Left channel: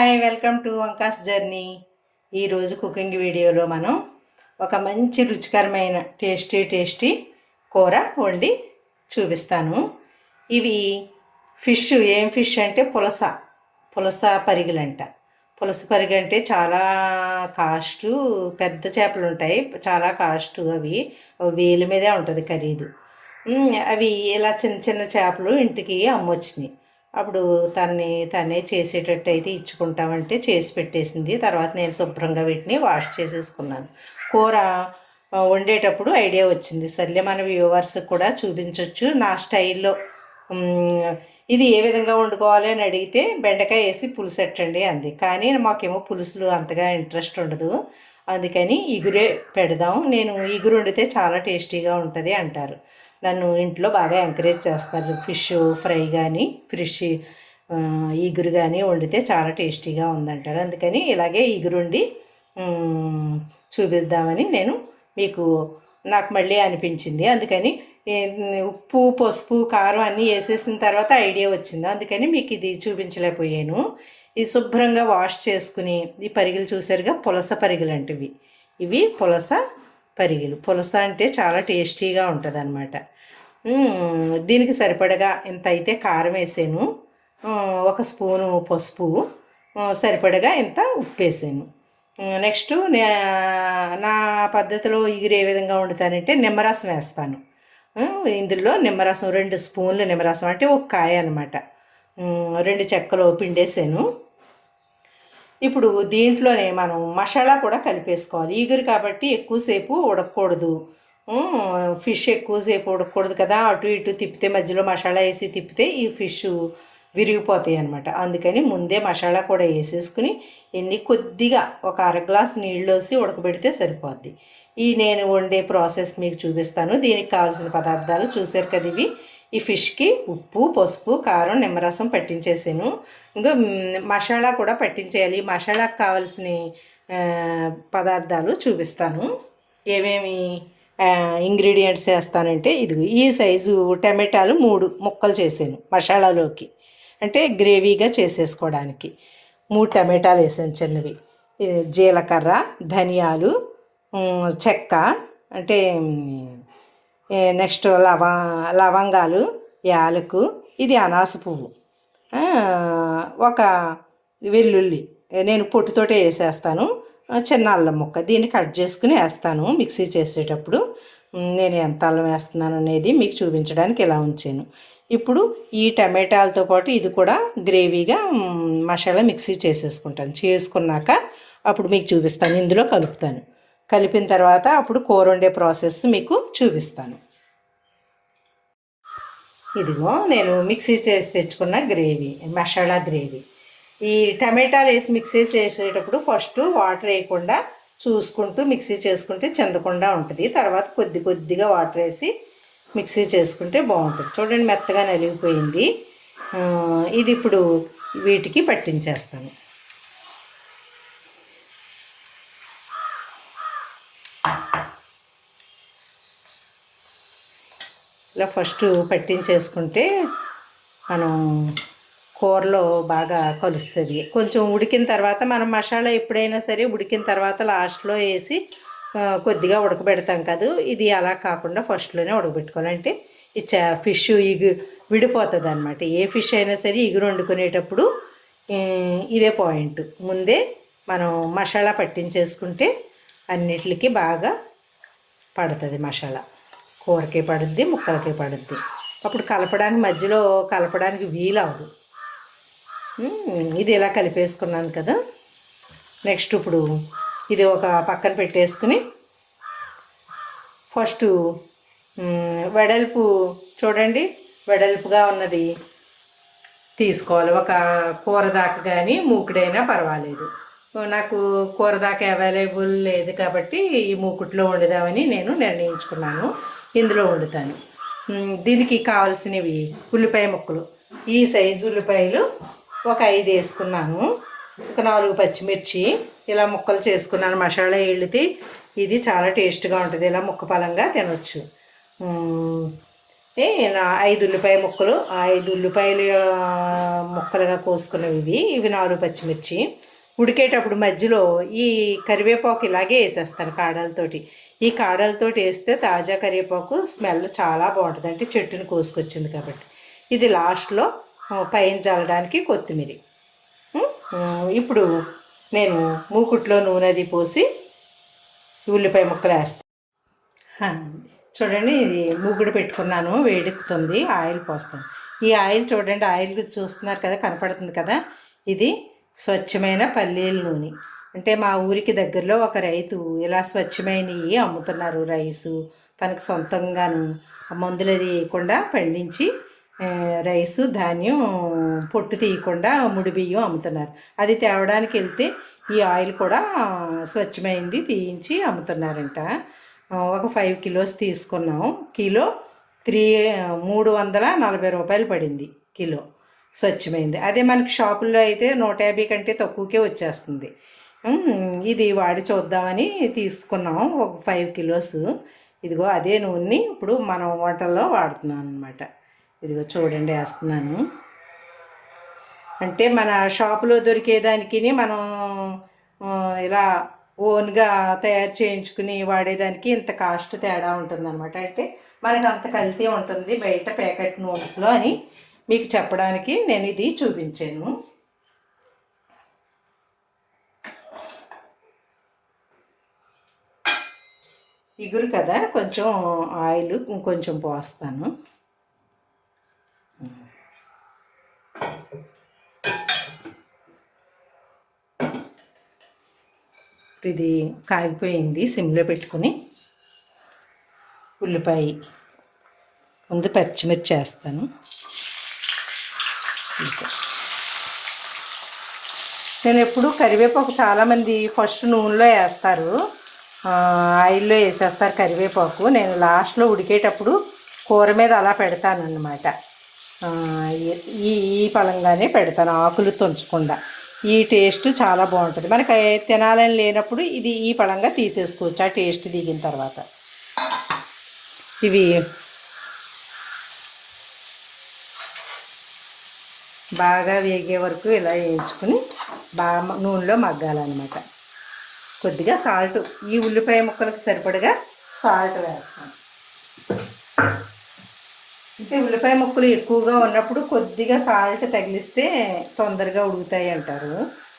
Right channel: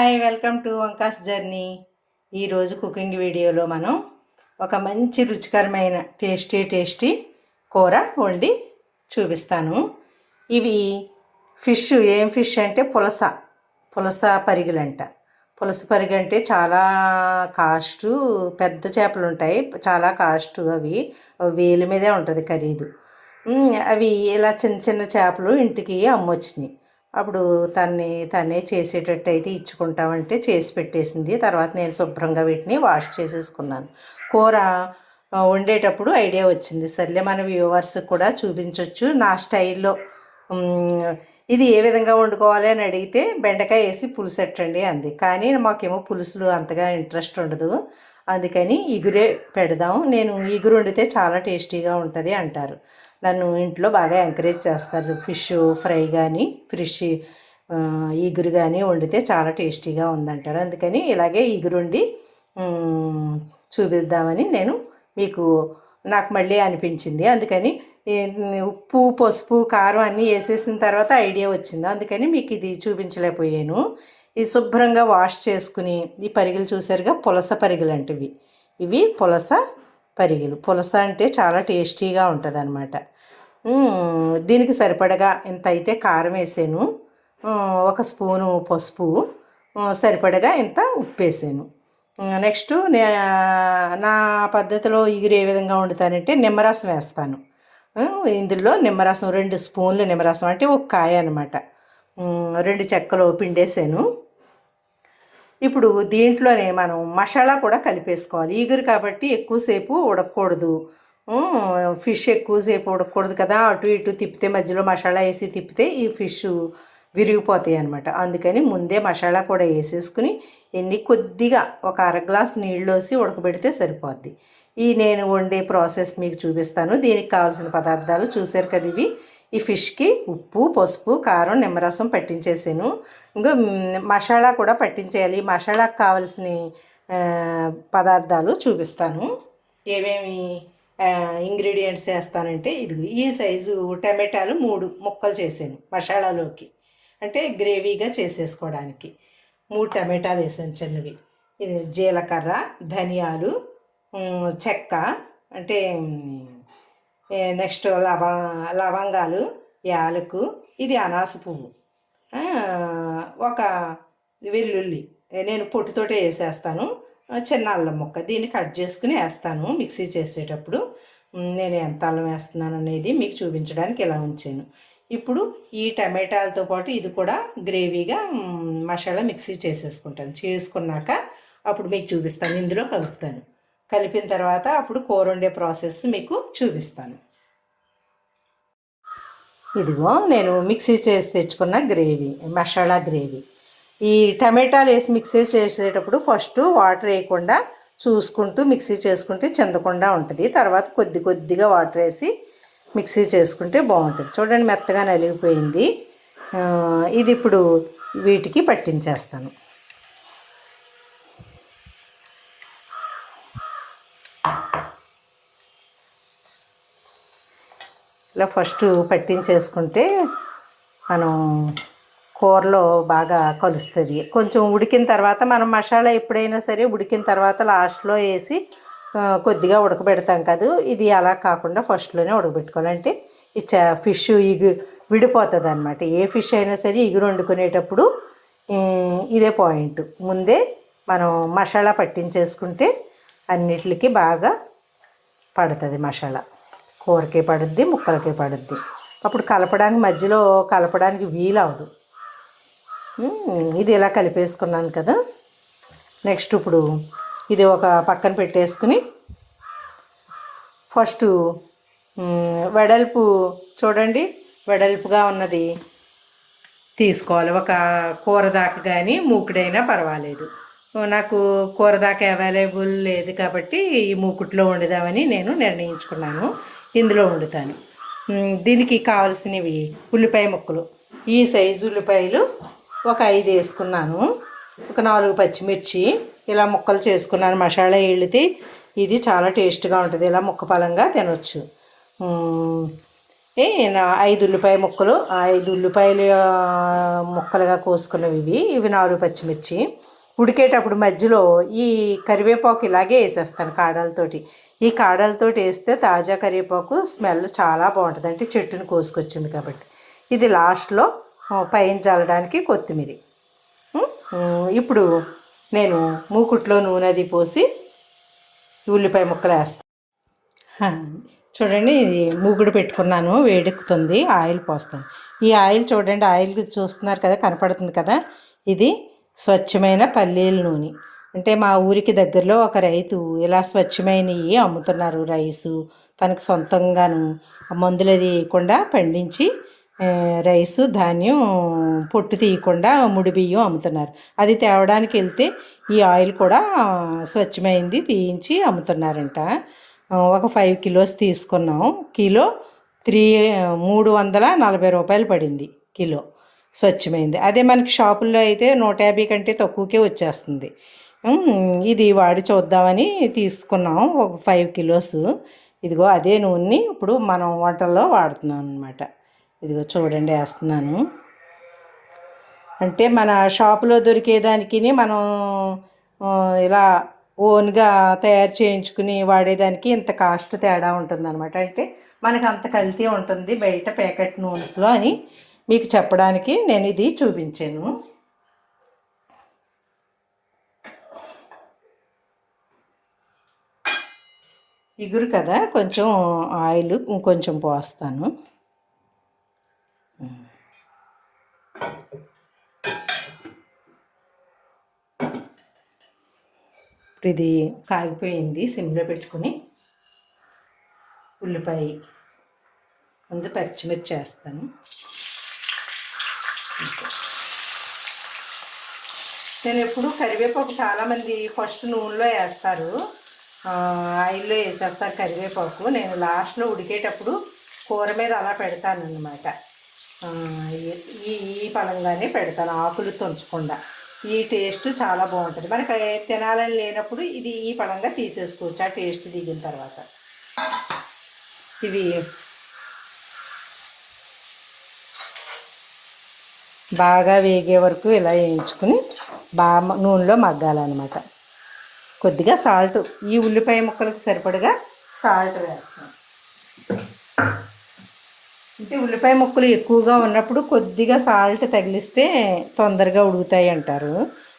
Hi welcome to వంకాస్ journey. ఈరోజు cooking వీడియోలో మనం ఒక మంచి రుచికరమైన టేస్టీ టేస్టీ కూర వండి చూపిస్తాను. ఇవి ఫిష్ ఏం ఫిష్ అంటే పులస పులస పరిగెలంట. పులస పరిగ అంటే చాలా కాస్ట్ పెద్ద చేపలు ఉంటాయి చాలా కాస్ట్ అవి వేలు మీదే ఉంటుంది ఖరీదు. అవి ఇలా చిన్న చిన్న చేపలు ఇంటికి అమ్మొచ్చినాయి. అప్పుడు తన్ని తనే చేసేటట్టు అయితే ఇచ్చుకుంటామంటే చేసి పెట్టేసింది. తర్వాత నేను శుభ్రంగా వీటిని వాష్ చేసేసుకున్నాను. కూర వండేటప్పుడు ఐడియా వచ్చింది. సర్లే మన వ్యూవర్స్కి కూడా చూపించవచ్చు నా స్టైల్లో ఇది ఏ విధంగా వండుకోవాలి అని అడిగితే బెండకాయ వేసి పులుసెట్టండి అంది. కానీ మాకేమో పులుసులు అంతగా ఇంట్రెస్ట్ ఉండదు. అందుకని ఇగురే పెడదాం. నేను ఇగురు వండితే చాలా టేస్టీగా ఉంటుంది అంటారు. నన్ను ఇంట్లో బాగా ఎంకరేజ్ చేస్తారు. ఫిష్ ఫ్రై కానీ ఫిష్ ఈగురు ఇగురు కానీ వండితే చాలా టేస్టీగా ఉందంటారు. అందుకని ఇలాగే ఈగురుండి చూపిద్దామని నేను మీకు నాకు మళ్ళీ అనిపించింది. అందుకని ఉప్పు పసుపు కారం అన్నీ వేసేసిన తర్వాత ఐడియా వచ్చింది. అందుకని మీకు ఇది చూపించలేకపోయాను. ఇది శుభ్రంగా వాష్ చేసుకుని ఈ పరిగెలు చూసారుగా? పులస పరిగెలు అంటే ఇవి ఇవి పులస పరిగెలు. పులస అంటే చాలా టేస్టీగా ఉంటుంది అనమాట దీనికి సరిపడగా ఇంత అయితే కారం వేసాను. ఒక స్పూను పసుపు. సరిపడగా ఇంత ఉప్పు వేసాను. నెక్స్ట్ నే నా పద్ధతిలో ఇగురు ఏ విధంగా వండుతానంటే నిమ్మరసం వేస్తాను. ఇందులో నిమ్మరసం రెండు స్పూన్లు నిమ్మరసం అంటే ఒక కాయ అనమాట రెండు చెక్కలు పిండేసాను. ఇప్పుడు దీంట్లోనే మనం మసాలా కూడా కలిపేసుకోవాలి. ఈగురు కాబట్టి ఎక్కువసేపు ఉడకకూడదు. ఫిష్ ఎక్కువసేపు ఉడకకూడదు కదా అటు ఇటు తిప్పితే మధ్యలో మసాలా వేసి తిప్పితే ఈ ఫిష్ విరిగిపోతాయి అనమాట అందుకని ముందే మసాలా కూడా వేసేసుకుని ఎన్ని కొద్దిగా ఒక అర గ్లాస్ నీళ్ళు వేసి ఉడకబెడితే సరిపోద్ది. ఈ నేను వండే ప్రాసెస్ మీకు చూపిస్తాను. దీనికి కావాల్సిన పదార్థాలు చూసారు కదా ఇవి. ఈ ఫిష్కి ఉప్పు పసుపు కారం నిమ్మరసం పట్టించేసాను. ఇంకా మసాలా కూడా పట్టించేయాలి. ఈ మసాలాకు కావాల్సిన పదార్థాలు చూపిస్తాను. ఏమేమి ఇంగ్రీడియంట్స్ వేస్తానంటే ఇది ఈ సైజు టమాటాలు మూడు ముక్కలు చేసాను మసాలాలోకి. అంటే గ్రేవీగా చేసేసుకోవడానికి. మూడు టమాటాలు వేసాను చిన్నవి. జీలకర్ర ధనియాలు చెక్క అంటే నెక్స్ట్ లవ లవంగాలు యాలకు ఇది అనాస పువ్వు. ఒక వెల్లుల్లి. నేను పొట్టుతోటే వేసేస్తాను. చిన్న అల్లం ముక్క దీన్ని కట్ చేసుకుని వేస్తాను మిక్సీ చేసేటప్పుడు. నేను ఎంత అల్లం వేస్తున్నాను అనేది మీకు చూపించడానికి ఇలా ఉంచాను. ఇప్పుడు ఈ టమాటాలతో పాటు ఇది కూడా గ్రేవీగా మసాలా మిక్సీ చేసేసుకుంటాను. చేసుకున్నాక అప్పుడు మీకు చూపిస్తాను ఇందులో కలుపుతాను. కలిపిన తర్వాత అప్పుడు కూర వండే ప్రాసెస్ మీకు చూపిస్తాను. ఇదిగో నేను మిక్సీ చేసి తెచ్చుకున్న గ్రేవీ మసాలా గ్రేవీ. ఈ టమాటాలు వేసి మిక్సీ చేసేటప్పుడు ఫస్ట్ వాటర్ వేయకుండా చూసుకుంటూ మిక్సీ చేసుకుంటే చెందకుండా ఉంటుంది. తర్వాత కొద్ది కొద్దిగా వాటర్ వేసి మిక్సీ చేసుకుంటే బాగుంటుంది. చూడండి మెత్తగా నలిగిపోయింది. ఇది ఇప్పుడు వీటికి పట్టించేస్తాను. ఇలా ఫస్ట్ పట్టించేసుకుంటే మనం కూరలో బాగా కలుస్తుంది. కొంచెం ఉడికిన తర్వాత మనం మసాలా ఎప్పుడైనా సరే ఉడికిన తర్వాత లాస్ట్లో వేసి కొద్దిగా ఉడకబెడతాం కాదు. ఇది అలా కాకుండా ఫస్ట్లోనే ఉడకబెట్టుకోవాలంటే ఈ చా ఫిష్ ఇగు విడిపోతుంది అనమాట ఏ ఫిష్ అయినా సరే ఇగురు వండుకునేటప్పుడు ఇదే పాయింట్. ముందే మనం మసాలా పట్టించేసుకుంటే అన్నిటికి బాగా పడుతుంది మసాలా. కూరకి పడుద్ది ముక్కలకే పడుద్ది. అప్పుడు కలపడానికి మధ్యలో కలపడానికి వీలవదు ఇది ఇలా కలిపేసుకున్నాను కదా? నెక్స్ట్ ఇప్పుడు ఇది ఒక పక్కన పెట్టేసుకుని ఫస్ట్ వెడల్పు చూడండి. వెడల్పుగా ఉన్నది తీసుకోవాలి. ఒక కూర దాకా కానీ మూకుడైనా పర్వాలేదు. నాకు కూర దాకా అవైలబుల్ లేదు కాబట్టి ఈ మూకుట్లో వండుదామని నేను నిర్ణయించుకున్నాను. ఇందులో వండుతాను. దీనికి కావాల్సినవి ఉల్లిపాయ ముక్కలు. ఈ సైజు ఉల్లిపాయలు ఒక ఐదు వేసుకున్నాను. ఒక నాలుగు పచ్చిమిర్చి ఇలా ముక్కలు చేసుకున్నాను. మసాలా వేళ్ళితే ఇది చాలా టేస్ట్గా ఉంటుంది. ఇలా ముక్క పలంగా తినొచ్చు. ఏ, నా ఐదు ఉల్లిపాయ ముక్కలు ఐదు ఉల్లిపాయలు ముక్కలుగా కోసుకున్నవి ఇవి. ఇవి నాలుగు పచ్చిమిర్చి. ఉడికేటప్పుడు మధ్యలో ఈ కరివేపాకు ఇలాగే వేసేస్తాను కాడలతోటి. ఈ కాడలతోటి వేస్తే తాజా కరివేపాకు స్మెల్ చాలా బాగుంటుంది. అంటే చెట్టుని కోసుకొచ్చింది కాబట్టి. ఇది లాస్ట్లో పైన చల్లడానికి కొత్తిమీర. ఇప్పుడు నేను మూకుట్లో నూనె అది పోసి ఉల్లిపాయ ముక్కలు వేస్తాను చూడండి ఇది మూగుడు పెట్టుకున్నాను వేడెక్కుతుంది ఆయిల్ పోస్తాను. ఈ ఆయిల్ చూడండి ఆయిల్ చూస్తున్నారు కదా కనపడుతుంది కదా? ఇది స్వచ్ఛమైన పల్లీల నూనె. అంటే మా ఊరికి దగ్గరలో ఒక రైతు ఇలా స్వచ్ఛమైనవి అమ్ముతున్నారు రైసు. తనకు సొంతంగాను మందులు అది వేయకుండా పండించి రైసు ధాన్యం పొట్టు తీయకుండా ముడి బియ్యం అమ్ముతున్నారు. అది తేవడానికి వెళ్తే ఈ ఆయిల్ కూడా స్వచ్ఛమైంది తీయించి అమ్ముతున్నారంట. ఒక ఫైవ్ కిలోస్ తీసుకున్నాం కిలో త్రీ మూడు వందల నలభై రూపాయలు పడింది కిలో. స్వచ్ఛమైంది. అదే మనకి షాపుల్లో అయితే నూట యాభై కంటే తక్కువకే వచ్చేస్తుంది. ఇది వాడి చూద్దామని తీసుకున్నాం ఒక ఫైవ్ కిలోస్. ఇదిగో అదే నూనెని ఇప్పుడు మనం వంటల్లో వాడుతున్నాం అనమాట ఇదిగో చూడండి వేస్తున్నాను. అంటే మన షాపులో దొరికేదానికి మనం ఇలా ఓన్గా తయారు చేయించుకుని వాడేదానికి ఇంత కాస్ట్ తేడా ఉంటుందన్నమాట. అంటే మనకు అంత కల్తీ ఉంటుంది బయట ప్యాకెట్ నూనెస్లో అని మీకు చెప్పడానికి నేను ఇది చూపించాను. ఇగురు కదా కొంచెం ఆయిల్ ఇంకొంచెం పోస్తాను. ఇప్పుడు ఇది కాగిపోయింది సిమ్లో పెట్టుకుని ఉల్లిపాయ ముందు పచ్చిమిర్చి వేస్తాను. నేను ఎప్పుడు కరివేపాకు చాలామంది ఫస్ట్ నూనెలో వేస్తారు. ఆయిల్లో వేసేస్తారు కరివేపాకు. నేను లాస్ట్లో ఉడికేటప్పుడు కూర మీద అలా పెడతాను అన్నమాట ఈ ఈ పలంగానే పెడతాను ఆకులు తుంచకుండా. ఈ టేస్ట్ చాలా బాగుంటుంది. మనకి తినాలని లేనప్పుడు ఇది ఈ పడంగా తీసేసుకోవచ్చు ఆ టేస్ట్ దిగిన తర్వాత. ఇవి బాగా వేగే వరకు ఇలా వేయించుకుని బాగా నూనెలో మగ్గాలన్నమాట. కొద్దిగా సాల్ట్ ఈ ఉల్లిపాయ ముక్కలకు సరిపడగా సాల్ట్ వేస్తాం అంటే ఉల్లిపాయ ముక్కలు ఎక్కువగా ఉన్నప్పుడు కొద్దిగా సాల్ట్ తగిలిస్తే తొందరగా ఉడుకుతాయి అంటారు.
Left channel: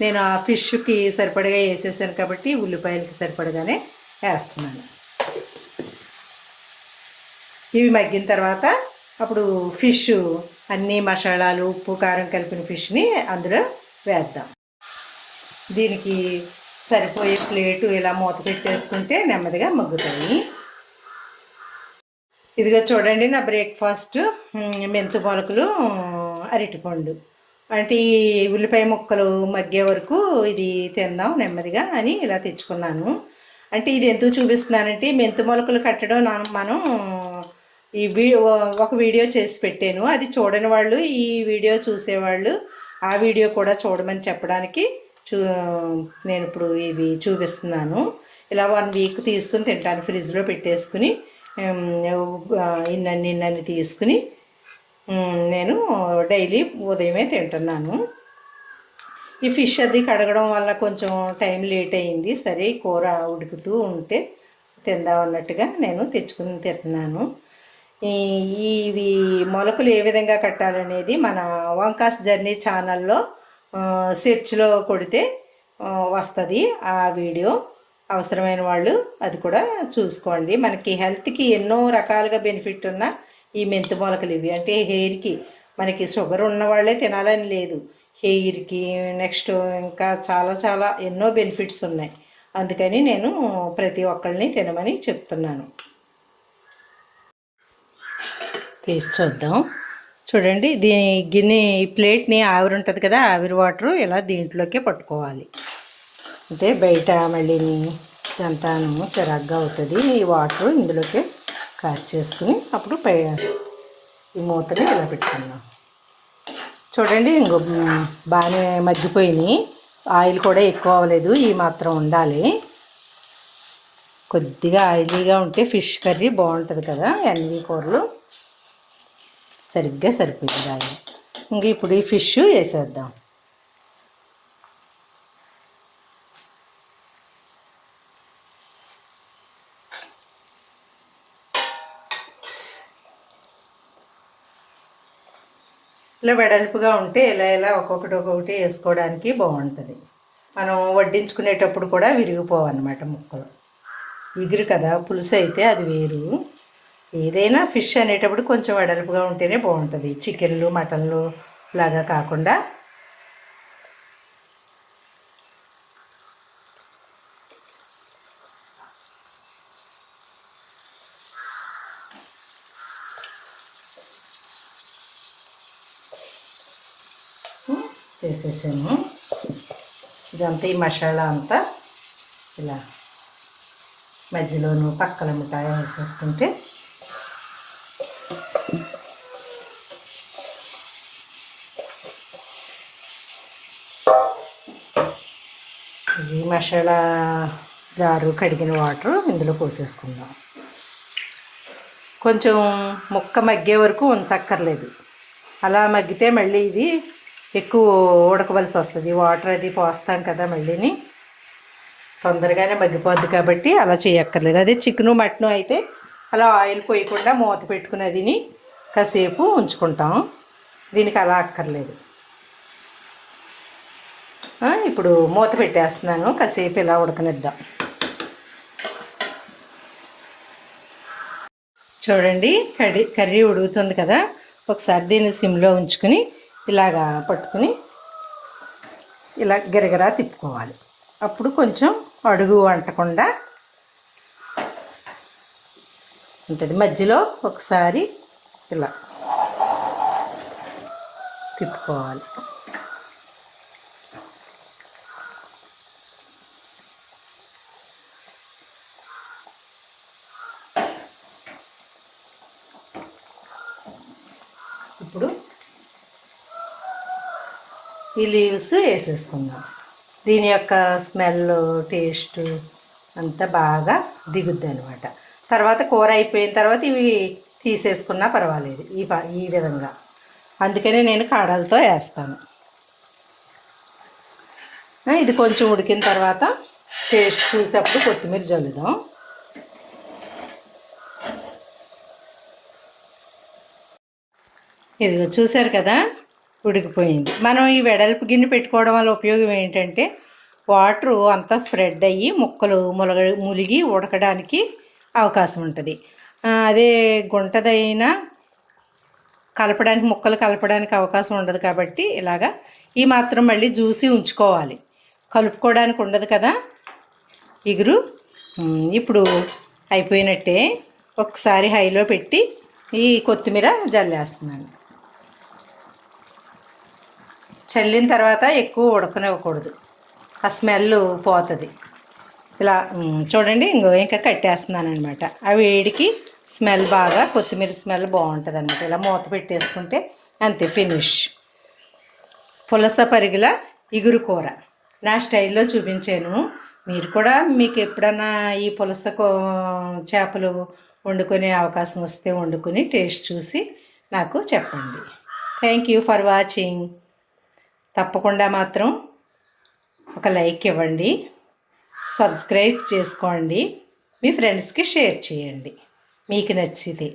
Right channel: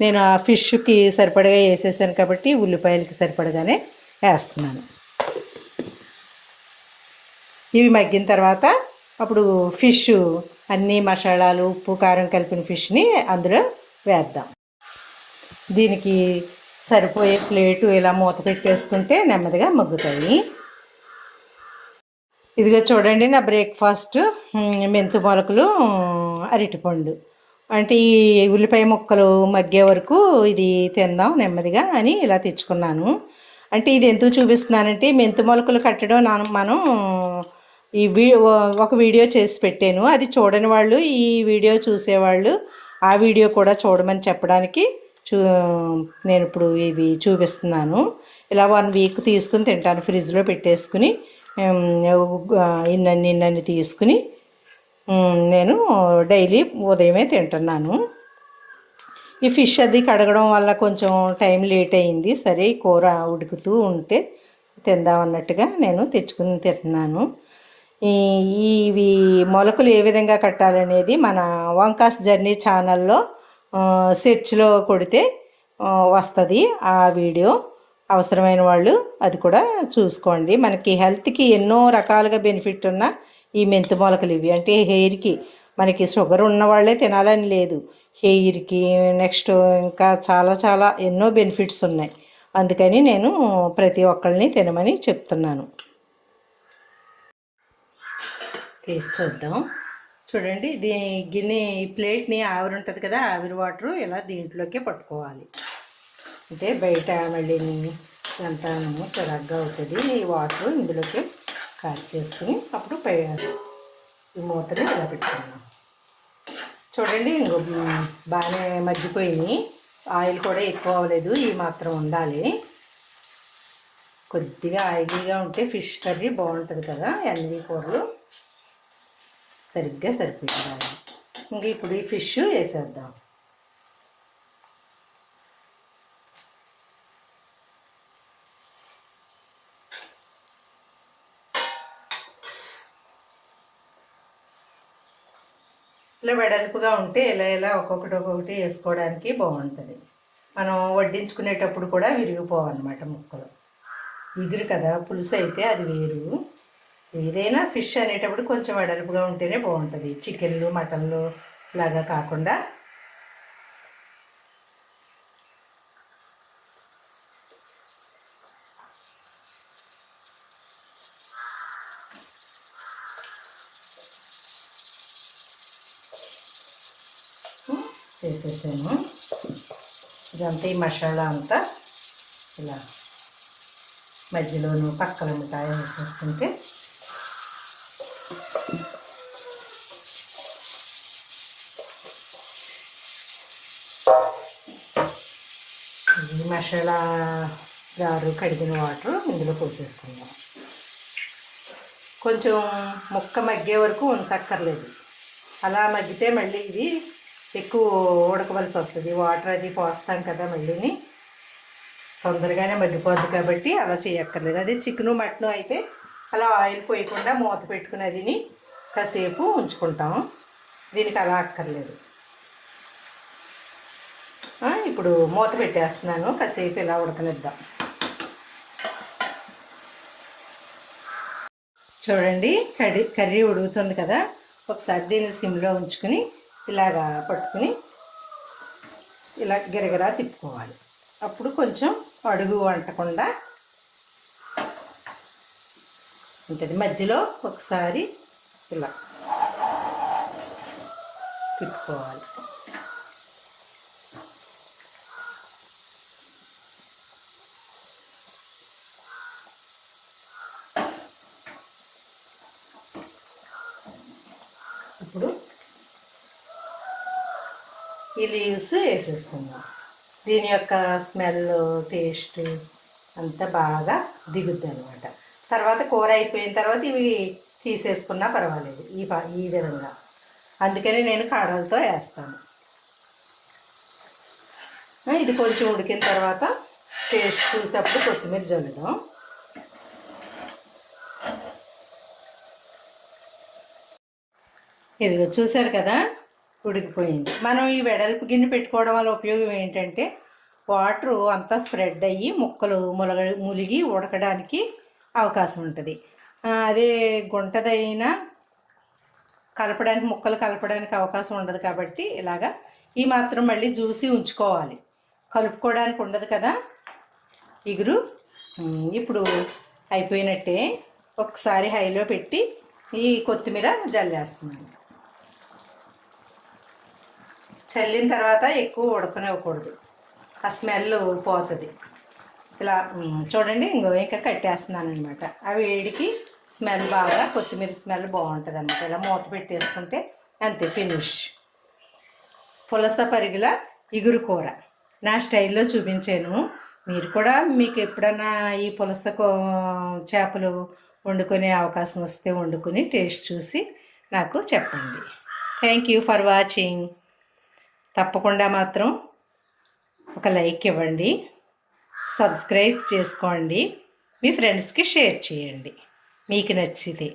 నేను ఆ ఫిష్కి సరిపడగా వేసేసాను కాబట్టి ఉల్లిపాయలకి సరిపడగానే వేస్తున్నాను. ఇవి మగ్గిన తర్వాత అప్పుడు ఫిష్ అన్ని మసాలాలు ఉప్పు కారం కలిపిన ఫిష్ని అందులో వేద్దాం. దీనికి సరిపోయే ప్లేటు ఇలా మూత పెట్టేసుకుంటే నెమ్మదిగా మగ్గుతాయి. ఇదిగో చూడండి నా బ్రేక్ఫాస్ట్ మెంతు మొలకలు అరటిపండు అంటే ఈ ఉల్లిపాయ ముక్కలు మగ్గే వరకు ఇది తిందాం నెమ్మదిగా అని ఇలా తెచ్చుకున్నాను. అంటే ఇది ఎందుకు చూపిస్తున్నానంటే మెంతు మొలకలు కట్టడం నా- మనం ఈ వీ ఒక వీడియో చేసి పెట్టాను. అది చూడని వాళ్ళు ఈ వీడియో చూసేవాళ్ళు ఆ వీడియో కూడా చూడమని చెప్పడానికి చూ నేను ఇప్పుడు ఇవి చూపిస్తున్నాను. ఇలా వన్ వీక్ తీసుకుని తింటాను ఫ్రిడ్జ్లో పెట్టేసుకుని. ఇన్నన్ని ఇన్నన్ని తీసుకుని నేను డైలీ ఉదయమే తింటున్నాను. ఈ ఫిష్ అది కడగడం వల్ల కొంచెం టైం లేట్ అయింది. సరే కూర ఉడుకుతూ ఉంటే తిందాం అన్నట్టుగా నేను తెచ్చుకుని తింటున్నాను. ఈ ఇవి మొలకలు ఏ విధంగా కట్టాలనేది మన వంకాస్ జర్నీ ఛానల్లో సెర్చ్లో కొడితే వస్తుంది ఆ వీడియో. అవసరమైన వాళ్ళు అది కూడా చూసుకోండి. మనకి హెల్త్కి ఎన్నో రకాలుగా బెనిఫిట్ ఉన్న ఈ మెంతి మొలకలు ఇవి. అంటే హెయిర్కి మనకి షుగర్ ఉన్న వాళ్ళే తినాలని లేదు. హెయిర్కి నెక్స్ట్ ఇంకా చాలా చాలా ఎన్నో బెనిఫిట్స్ ఉన్నాయి. అందుకని నేను ప్రతి ఒక్కరిని తినమని చెప్తున్నాను. తీసి చూద్దాం. చూడండి దీని గిన్నె ప్లేట్ని ఆవిరి ఉంటుంది కదా ఆవిరి వాటర్ ఇలా దీంట్లోకే పట్టుకోవాలి. అంటే బయట మళ్ళీ సంతానము చిరాగ్గా అవుతుంది. ఈ వాటర్ ఇందులోకి కాచి చేసుకుని అప్పుడు పై ఈ మూతని ఇలా పెట్టుకున్నాం చూడండి ఇంకో బాగానే మగ్గిపోయినాయి. ఆయిల్ కూడా ఎక్కువ అవ్వలేదు ఈ మాత్రం ఉండాలి. కొద్దిగా ఆయిలీగా ఉంటే ఫిష్ కర్రీ బాగుంటుంది కదా ఎన్ని కూరలు. సరిగ్గా సరిపోయింది. ఇంకా ఇంక ఇప్పుడు ఈ ఫిష్ వేసేద్దాం. ఇలా వెడల్పుగా ఉంటే ఇలా ఇలా ఒక్కొక్కటి ఒక్కొక్కటి వేసుకోవడానికి బాగుంటుంది. మనం వడ్డించుకునేటప్పుడు కూడా విరిగిపోవన్నమాట ముక్కలు. ఎగురు కదా పులుసు అయితే అది వేరు. ఏదైనా ఫిష్ అనేటప్పుడు కొంచెం వెడల్పుగా ఉంటేనే బాగుంటుంది. చికెన్లు మటన్లు లాగా కాకుండా వేసేసాము ఇదంతా ఈ మసాలా అంతా ఇలా మధ్యలోను పక్కల మిఠాయి వేసేసుకుంటే ఈ మసాలా జారు కడిగిన వాటర్ ఇందులో పోసేసుకుందాం. కొంచెం ముక్క మగ్గే వరకు ఉంచక్కర్లేదు. అలా మగ్గితే మళ్ళీ ఇది ఎక్కువ ఉడకవలసి వస్తుంది. వాటర్ అది పోస్తాం కదా మళ్ళీని. తొందరగానే మగ్గిపోద్ది కాబట్టి అలా చేయక్కర్లేదు. అదే చికెను మటను అయితే అలా ఆయిల్ పోయకుండా మూత పెట్టుకుని అదిని కాసేపు ఉంచుకుంటాం. దీనికి అలా అక్కర్లేదు. ఇప్పుడు మూత పెట్టేస్తున్నాను. కాసేపు ఇలా ఉడకనిద్దాం. చూడండి కర్రీ కర్రీ ఉడుకుతుంది కదా. ఒకసారి దీన్ని సిమ్లో ఉంచుకుని ఇలాగా పట్టుకుని ఇలా గిరగిరా తిప్పుకోవాలి. అప్పుడు కొంచెం అడుగు అంటకుండా ఉంటుంది. మధ్యలో ఒకసారి ఇలా తిప్పుకోవాలి ఇప్పుడు ఈ లీవ్స్ వేసేసుకుందాం. దీని యొక్క స్మెల్ టేస్ట్ అంతా బాగా దిగుద్ది అనమాట తర్వాత కూర అయిపోయిన తర్వాత ఇవి తీసేసుకున్నా పర్వాలేదు ఈ ప ఈ విధంగా. అందుకనే నేను కాడలతో వేస్తాను. ఇది కొంచెం ఉడికిన తర్వాత టేస్ట్ చూసేప్పుడు కొత్తిమీర జల్లుదాం. ఇదిగో చూశారు కదా? ఉడికిపోయింది. మనం ఈ వెడల్పు గిన్నె పెట్టుకోవడం వల్ల ఉపయోగం ఏంటంటే వాటరు అంతా స్ప్రెడ్ అయ్యి ముక్కలు ములగ ములిగి ఉడకడానికి అవకాశం ఉంటుంది. అదే గుంటదైనా కలపడానికి ముక్కలు కలపడానికి అవకాశం ఉండదు కాబట్టి ఇలాగా ఈ మాత్రం మళ్ళీ జ్యూసి ఉంచుకోవాలి. కలుపుకోవడానికి ఉండదు కదా. ఇగురు. ఇప్పుడు అయిపోయినట్టే ఒకసారి హైలో పెట్టి ఈ కొత్తిమీర జల్లేస్తున్నాను. చల్లిన తర్వాత ఎక్కువ ఉడకనివ్వకూడదు. ఆ స్మెల్ పోతుంది. ఇలా చూడండి ఇంకో ఇంకా కట్టేస్తున్నాను అనమాట ఆ వేడికి స్మెల్ బాగా కొత్తిమీర స్మెల్ బాగుంటుంది అనమాట ఇలా మూత పెట్టేసుకుంటే అంతే ఫినిష్. పులస పరిగిల ఇగురు కూర. నా స్టైల్లో చూపించాను. మీరు కూడా మీకు ఎప్పుడన్నా ఈ పులస కో చేపలు వండుకునే అవకాశం వస్తే వండుకొని టేస్ట్ చూసి నాకు చెప్పండి. థ్యాంక్ యూ ఫర్ వాచింగ్ తప్పకుండా మాత్రం ఒక లైక్ ఇవ్వండి సబ్స్క్రైబ్ చేసుకోండి మీ ఫ్రెండ్స్కి షేర్ చేయండి. మీకు నచ్చితే.